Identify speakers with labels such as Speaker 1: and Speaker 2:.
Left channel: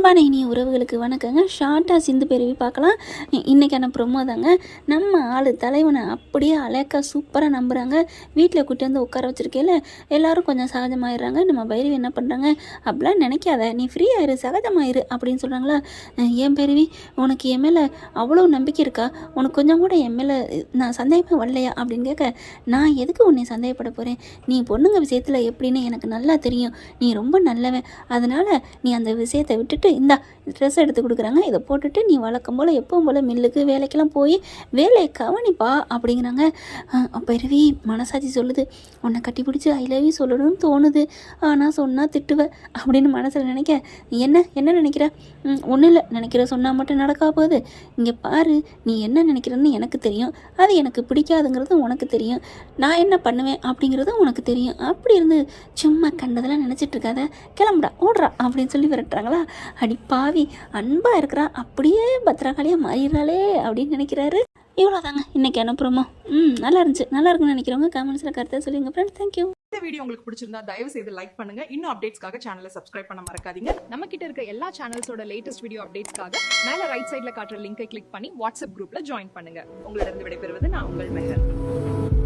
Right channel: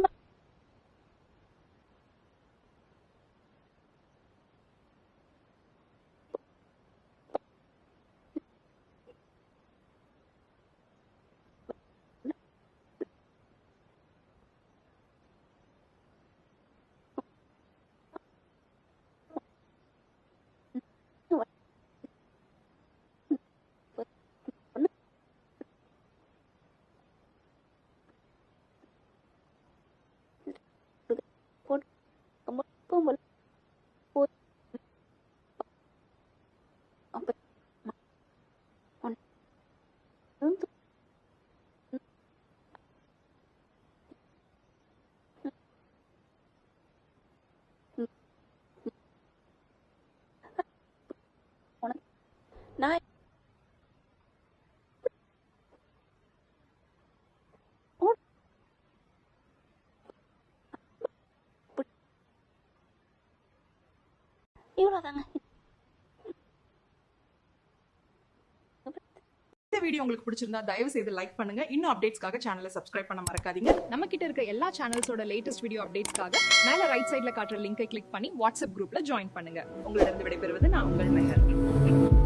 Speaker 1: அன்பான இனிய உறவுகளுக்கு வணக்கங்க. ஷார்ட்டாக சிந்து பெருவி பார்க்கலாம். இன்றைக்கான ப்ரொமோ தாங்க. நம்ம ஆள் தலைவனை அப்படியே அழகா சூப்பராக நம்புகிறாங்க வீட்டில் கூட்டி வந்து உட்கார வச்சிருக்கையில எல்லோரும் கொஞ்சம் சகஜமாயிடுறாங்க. நம்ம பைரவி என்ன பண்ணுறாங்க அப்படிலாம் நினைக்காத. நீ ஃப்ரீயாயிரு சகஜமாயிரு அப்படின்னு சொல்கிறாங்களா என் பைரவி? உனக்கு என் மேலே அவ்வளோ நம்பிக்கை இருக்கா? உனக்கு கொஞ்சம் கூட என் மேலே நான் சந்தேகமாக வரலையா? அப்படின்னு கேட்க நான் எதுக்கு உன்னை சந்தேகப்பட போகிறேன் நீ பொண்ணுங்க விஷயத்தில் எப்படின்னு எனக்கு நல்லா தெரியும். நீ ரொம்ப நல்லவன். அதனால் நீ அந்த விஷயத்தை விட்டுட்டு இந்தா ட்ரெஸ் எடுத்து கொடுக்குறாங்க. இதை போட்டுட்டு நீ வழக்கம் போல் எப்பவும் போல் மில்லுக்கு வேலைக்கெல்லாம் போய் வேலையை கவனிப்பா அப்படிங்கிறாங்க. பெருவி மனசாட்சி சொல்லுது உன்னை கட்டி பிடிச்சி ஐ லவ் யூ சொல்லணும்னு தோணுது. ஆனால் சொன்னால் திட்டுவேன் அப்படின்னு மனசில் நினைக்க. நீ என்ன என்ன நினைக்கிற? ஒன்றும் இல்லை. நினைக்கிற சொன்னால் மட்டும் நடக்கா போகுது. இங்கே பாரு நீ என்ன நினைக்கிறன்னு எனக்கு தெரியும். அது எனக்கு பிடிக்காதுங்கிறது உனக்கு தெரியும். நான் என்ன பண்ணுவேன் அப்படிங்கிறதும் உனக்கு தெரியும். அப்படி இருந்து சும்மா கண்டதெல்லாம் நினச்சிட்டு இருக்காத. கிளம்புடா ஓடுறா அப்படின்னு சொல்லி விரட்டுறாங்களா? அடி பாவி அன்பாக இருக்கிறா அப்படியே பத்திரகாளியாக மாறிடுறாளே அப்படின்னு நினைக்கிறாரு. இவ்வளோதாங்க இன்னைக்கு அனுப்புறமா? ம் நல்லா இருந்துச்சு நல்லா இருக்குன்னு நினைக்கிறவங்க கமெண்ட்ஸில் கருத்தை சொல்லுங்க ஃப்ரெண்ட்ஸ் தேங்க்யூ
Speaker 2: இந்த வீடியோ உங்களுக்கு பிடிச்சிருந்தா தயவு செய்து லைக் பண்ணுங்க. இன்னும் அப்டேட்ஸ்க்காக சேனலை சப்ஸ்கிரைப் பண்ண மறக்காதீங்க.
Speaker 3: நம்ம கிட்ட இருக்க எல்லா சேனல்ஸோட லேட்டஸ்ட் வீடியோ அப்டேட்ஸ்க்காக மேல ரைட் சைடில் காட்டுற லிங்கை கிளிக் பண்ணி வாட்ஸ்அப் குரூப்ல ஜாயின் பண்ணுங்க.
Speaker 2: உங்களிடம் விடைபெறுவது நான் உங்கள் மெஹர்.